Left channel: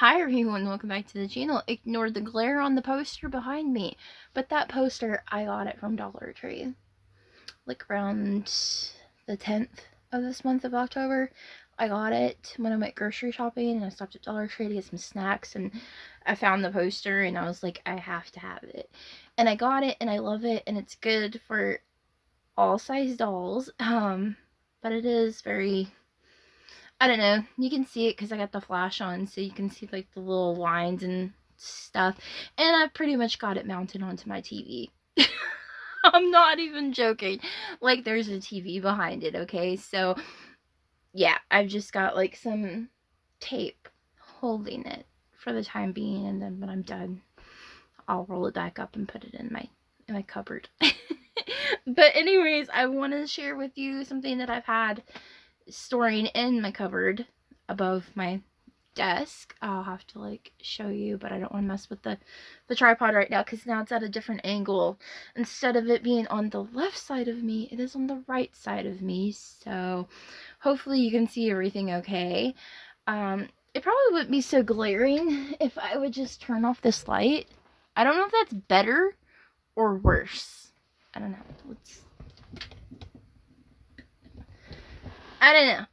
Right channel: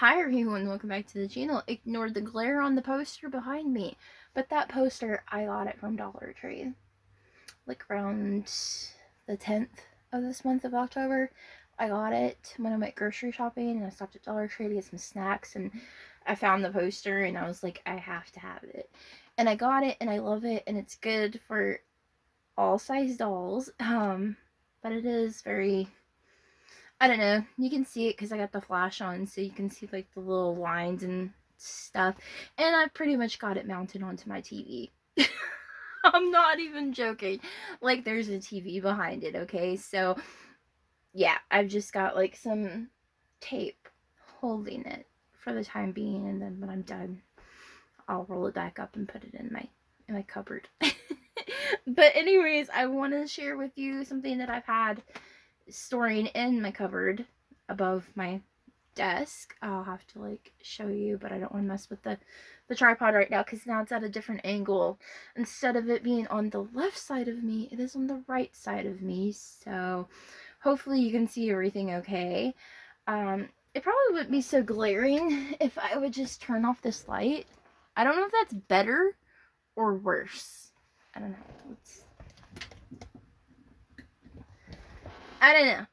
Hi everyone, welcome back to the channel. Ignore the glare on the poster behind me. But that poster, I got it from Dollar Tree. Like around the 10th of this month of October. I got it when I went grocery shopping and I stopped at Dollar Tree to get some snacks and I found the poster and I was like, I have to have it. And I got it and I love it and it's good for all size dolls. But it is very, I don't know. You can see it because I got the flash on, so you can see like the little lines and stuff. And I've pretty much got it mounted onto my TV. I'm not even joking. Like there's a TV behind it, okay? So yeah, I've just got like some tape holding it for the time being, and then when I'm done, I'll roll it back up and put it in my cupboard. But anyways, I want to share with you something that I've had storing in my cupboard above my desk. I'll have to like show you, but I don't want to mess with the tripod right now because now it's at a different angle. Instead of it being on the left side of me, it is on the right side of me, so hopefully you can see everything okay. It probably wouldn't be so glaring if I would just turn off this light. I don't know if that's better or worse. I don't know. I don't know.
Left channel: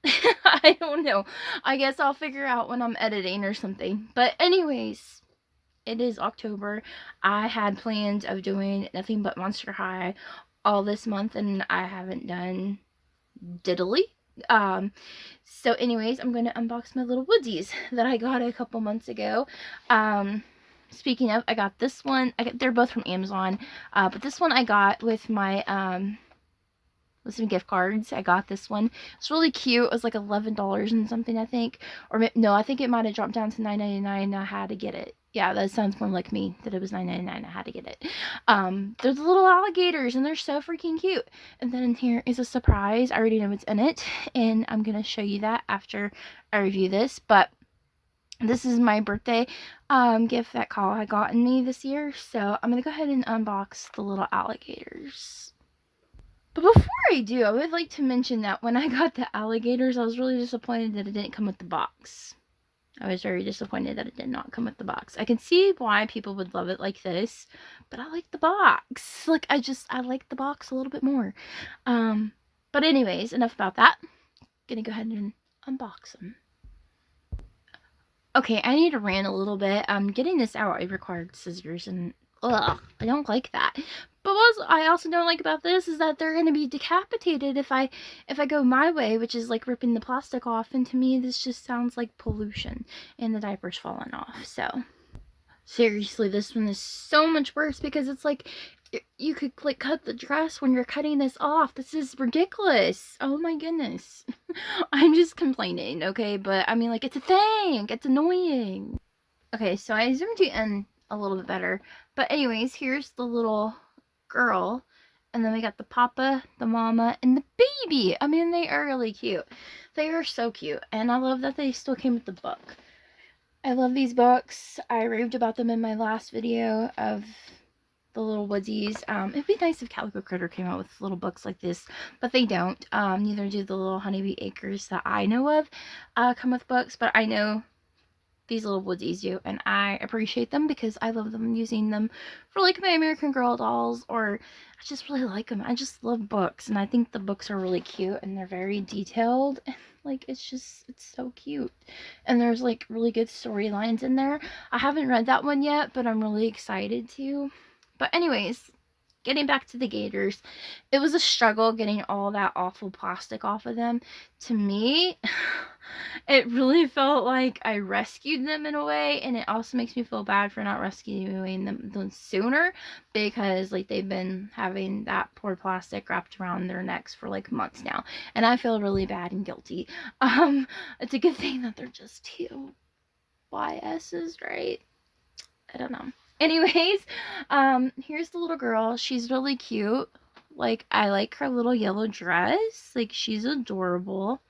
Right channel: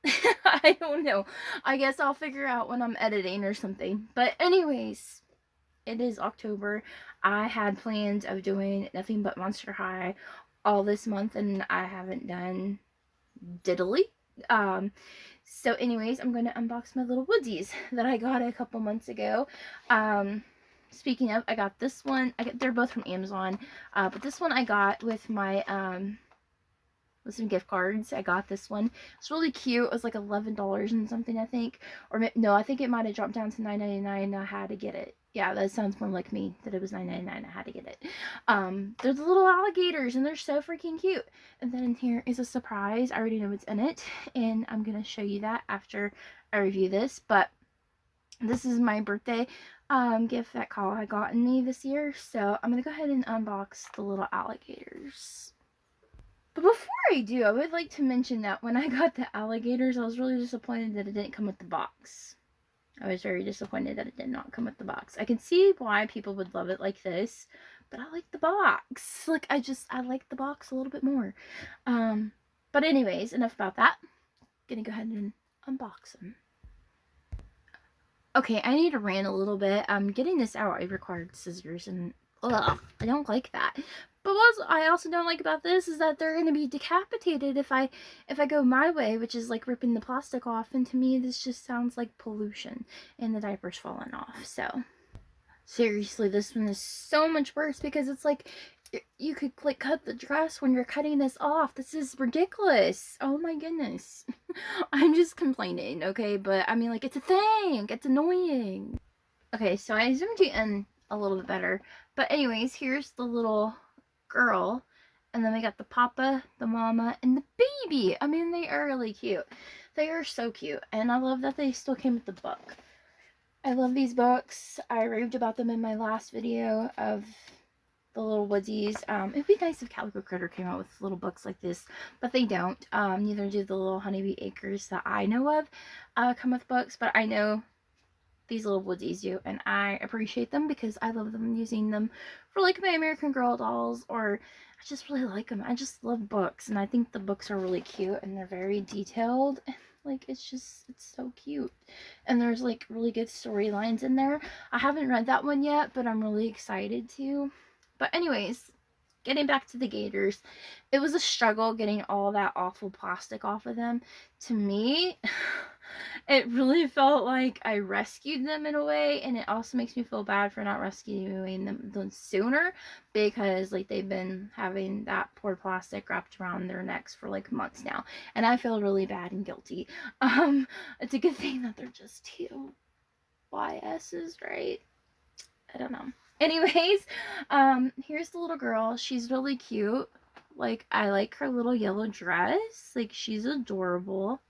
I don't know. I guess I'll figure out when I'm editing or something. But anyways, it is October. I had plans of doing nothing but Monster High all this month, and I haven't done diddly. So anyways, I'm going to unbox my little woodies that I got a couple months ago. Speaking of, I got this one. They're both from Amazon. But this one I got with my with some gift cards. I got this one. It's really cute. It was like $11 and something, I think. Or no, I think it might have dropped down to $9.99. I had to get it. Yeah, that sounds more like me, that it was $9.99. I had to get it. They're the little alligators and they're so freaking cute. And then here is a surprise. I already know what's in it, and I'm gonna show you that after I review this. But this is my birthday gift that Kyle had gotten me this year. So I'm gonna go ahead and unbox the little alligators. But before I do, I would like to mention that when I got the alligators, I was really disappointed that it didn't come with the box. I was very disappointed that it did not come with the box. I can see why people would love it like this, but I like the box. Like, I like the box a little bit more. But anyways, enough about that. Gonna go ahead and unbox them. Okay, I need to rant a little bit. Getting this out, I required scissors, and ugh, I don't like that. But what I also don't like about this is that they're going to be decapitated if I go my way, which is like ripping the plastic off. And to me, this just sounds like pollution and the diaper's falling off. So seriously, this one is so much worse because it's like you could like cut the dress when you're cutting this off. This is ridiculous. Oh my goodness. I'm just complaining, okay? But I mean, like, it's a thing. It's annoying. Okay, so I zoomed you in a little bit better. But anyways, here's the little girl, and then we got the papa, the mama, and the baby. I mean, they are really cute. They are so cute, and I love that they still came with the book. I love these books. I raved about them in my last video of the little woodies. It'd be nice if Calico Critter came out with little books like this, but they don't. Neither do the little Honeybee Acres that I know of come with books, but I know these little woodies do, and I appreciate them because I love them, using them for like my American Girl dolls, or I just really like them. I just love books, and I think the books are really cute, and they're very detailed, and like it's so cute, and there's like really good storylines in there. I haven't read that one yet, but I'm really excited to. But anyways, getting back to the gators, it was a struggle getting all that awful plastic off of them. To me, it really felt like I rescued them in a way, and it also makes me feel bad for not rescuing them sooner, because like they've been having that poor plastic wrapped around their necks for like months now, and I feel really bad and guilty. It's a good thing that they're just two YS's, right? I don't know. Anyways, here's the little girl. She's really cute. Like, I like her little yellow dress. Like, she's adorable.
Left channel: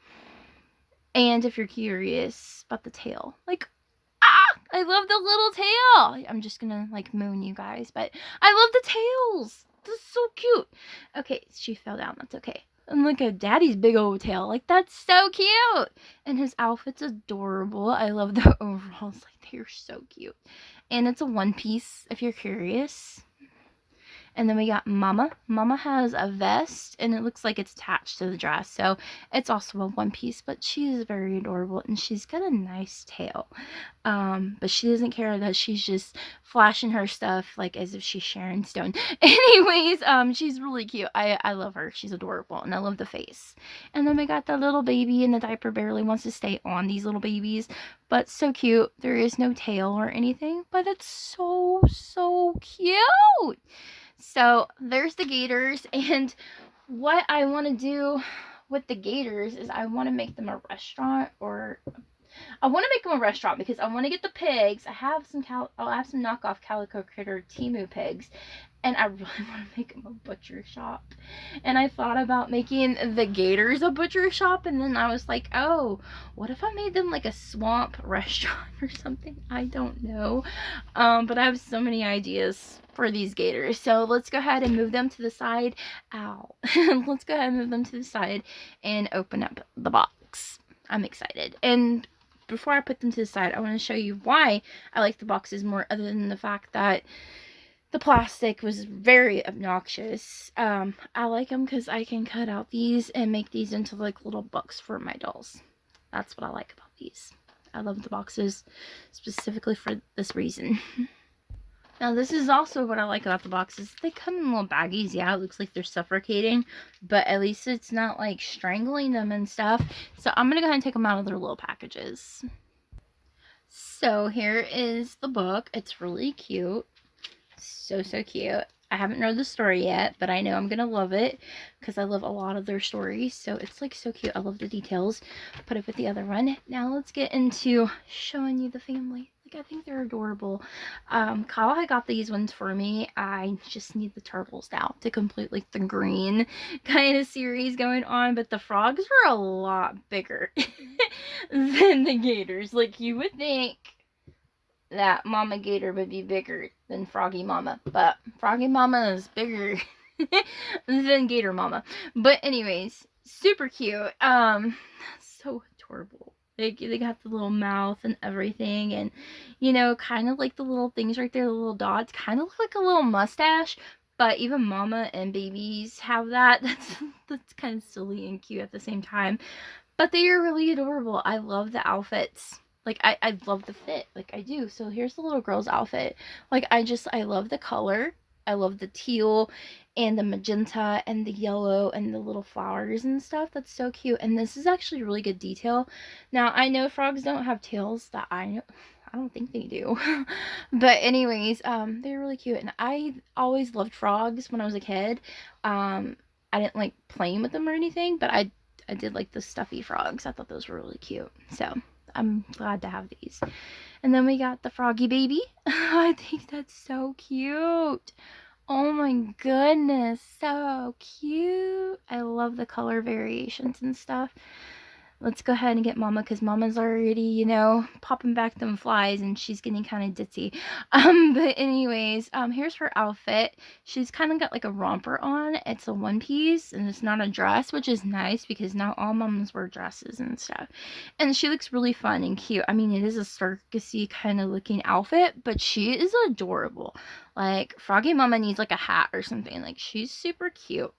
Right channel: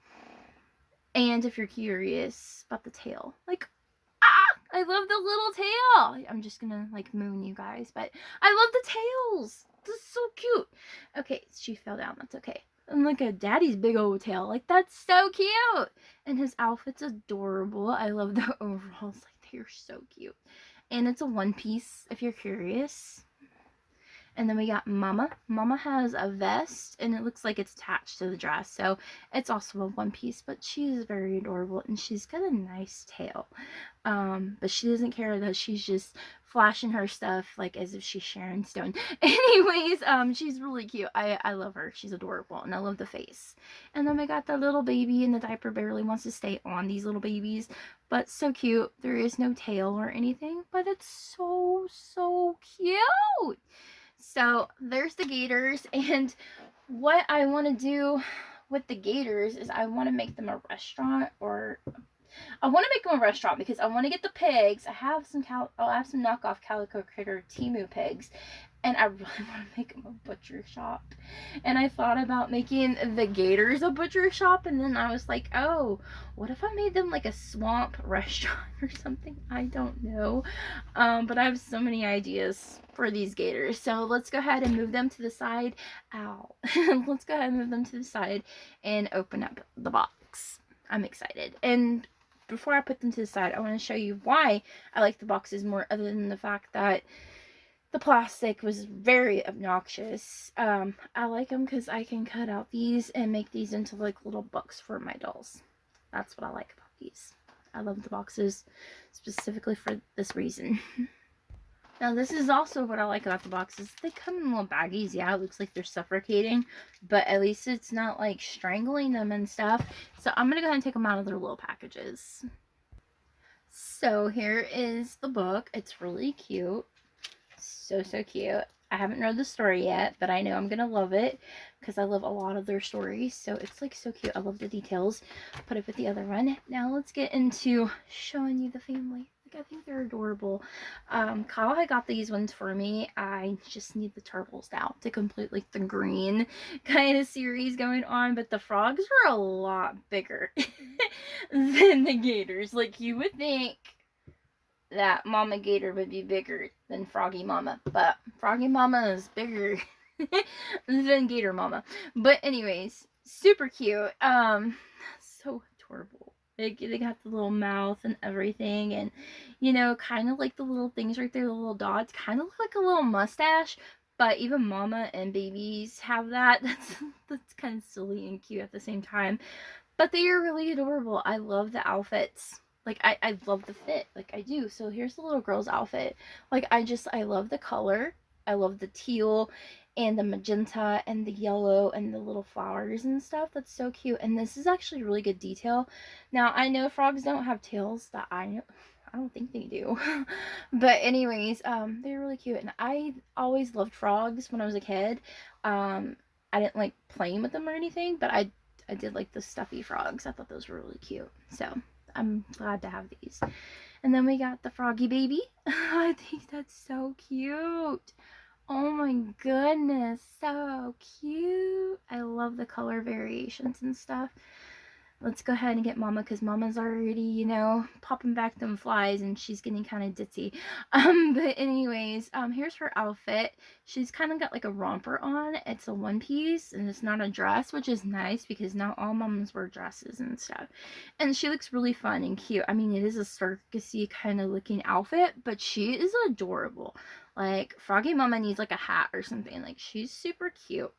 And if you're curious about the tail, like, I love the little tail. I'm just gonna like moon you guys, but I love the tails. This is so cute. Okay, she fell down. That's okay. And look at Daddy's big old tail. Like, that's so cute. And his outfit's adorable. I love the overalls. Like, They're so cute. And it's a one piece if you're curious. And then we got Mama. Mama has a vest, and it looks like it's attached to the dress. So it's also a one piece, but she is very adorable, and she's got a nice tail. But she doesn't care that she's just flashing her stuff like as if she's Sharon Stone. Anyways, she's really cute. I love her. She's adorable, and I love the face. And then we got the little baby, and the diaper barely wants to stay on these little babies, but so cute. There is no tail or anything, but it's so cute. So there's the gators, and what I want to do with the gators is I want to make them a restaurant, or I want to make them a restaurant because I want to get the pigs. I'll have some knockoff Calico Critter Temu pigs, and I really want to make them a butcher shop. And I thought about making the gators a butcher shop, and then I was like, oh, what if I made them like a swamp restaurant or something? I don't know. But I have so many ideas for these gators. So let's go ahead and move them to the side. Ow. Let's go ahead and move them to the side and open up the box. I'm excited. And before I put them to the side, I want to show you why I like the boxes more, other than the fact that the plastic was very obnoxious. I like them because I can cut out these and make these into like little books for my dolls. That's what I like about these. I love the boxes specifically for this reason. Now, this is also what I like about the boxes. They come in little baggies. Yeah, it looks like they're suffocating, but at least it's not like strangling them and stuff. So I'm going to go ahead and take them out of their little packages. So here is the book. It's really cute. So cute. I haven't read the story yet, but I know I'm going to love it because I love a lot of their stories. So it's like so cute. I love the details. Put it with the other one. Now let's get into showing you the family. Like, I think they're adorable. Kyle had got these ones for me. I just need the turtles now to complete like the green kind of series going on. But the frogs are a lot bigger than the gators. Like, you would think that Mama Gator would be bigger than Froggy Mama, but Froggy Mama is bigger than Gator Mama. But anyways, super cute. So adorable. They got the little mouth and everything, and you know, kind of like the little things right there, the little dots, kind of look like a little mustache. But even Mama and babies have that. That's kind of silly and cute at the same time. But they are really adorable. I love the outfits. Like, I love the fit. Like, I do. So here's the little girl's outfit. Like, I love the color. I love the teal and the magenta and the yellow and the little flowers and stuff. That's so cute. And this is actually really good detail. Now, I know frogs don't have tails. That I know. I don't think they do. But anyways, they're really cute. And I always loved frogs when I was a kid. I didn't like playing with them or anything, but I did like the stuffy frogs. I thought those were really cute. So I'm glad to have these. And then we got the froggy baby. I think that's so cute. Oh my goodness, so cute. I love the color variations and stuff. Let's go ahead and get Mama, because Mama's already, you know, popping back them flies, and she's getting kind of ditzy. But anyways, here's her outfit. She's kind of got like a romper on. It's a one piece, and it's not a dress, which is nice because now all Mamas wear dresses and stuff. And she looks really fun and cute. I mean, it is a circusy kind of looking outfit, but she is adorable. Like, Froggy Mama needs like a hat or something. Like, she's super cute.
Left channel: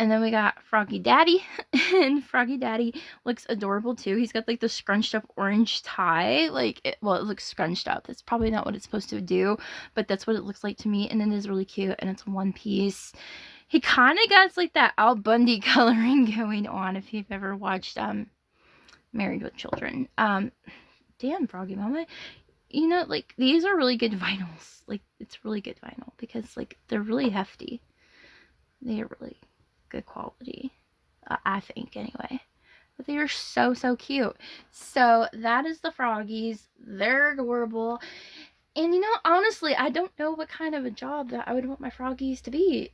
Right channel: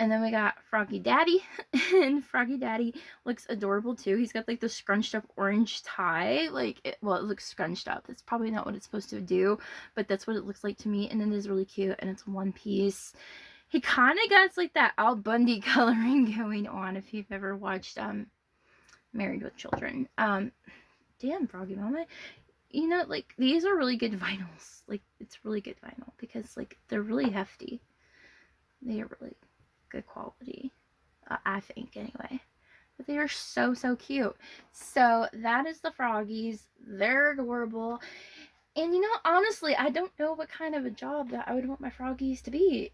And then we got Froggy Daddy, and Froggy Daddy looks adorable too. He's got like the scrunched up orange tie. Like, it looks scrunched up. That's probably not what it's supposed to do, but that's what it looks like to me. And it is really cute, and it's one piece. He kind of got like that Al Bundy coloring going on if you've ever watched Married with Children. Damn, Froggy Mama. You know, like, these are really good vinyls. Like, it's really good vinyl because like they're really hefty. They are really good quality, I think, anyway. But they are so cute. So that is the froggies. They're adorable. And you know, honestly, I don't know what kind of a job that I would want my froggies to be.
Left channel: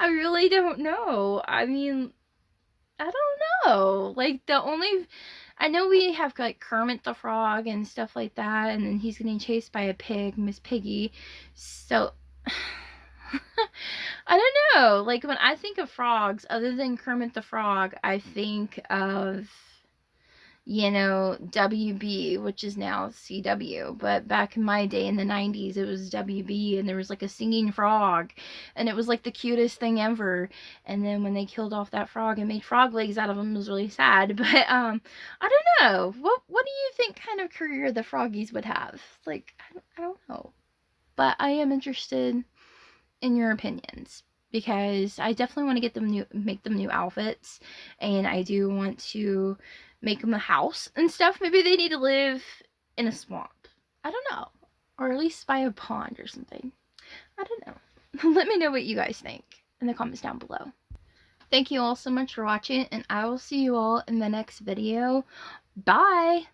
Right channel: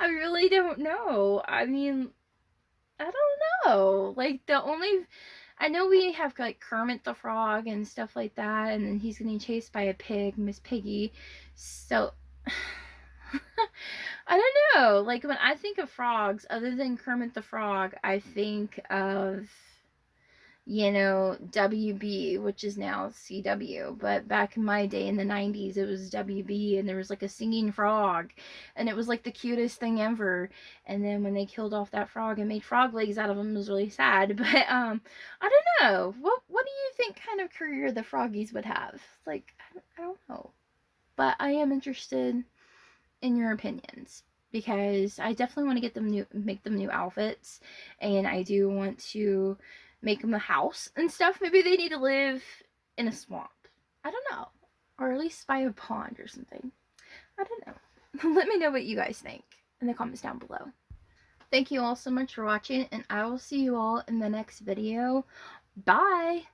I really don't know. I mean, I don't know. Like, I know we have like Kermit the Frog and stuff like that, and then he's getting chased by a pig, Miss Piggy. So I don't know. Like, when I think of frogs, other than Kermit the Frog, I think of, you know, WB, which is now CW. But back in my day in the 90s, it was WB, and there was like a singing frog, and it was like the cutest thing ever. And then when they killed off that frog and made frog legs out of him, it was really sad. But I don't know. What do you think kind of career the froggies would have? Like, I don't know. But I am interested in your opinions, because I definitely want to get them make them new outfits, and I do want to make them a house and stuff. Maybe they need to live in a swamp. I don't know, or at least by a pond or something. I don't know. Let me know what you guys think in the comments down below. Thank you all so much for watching, and I will see you all in the next video. Bye.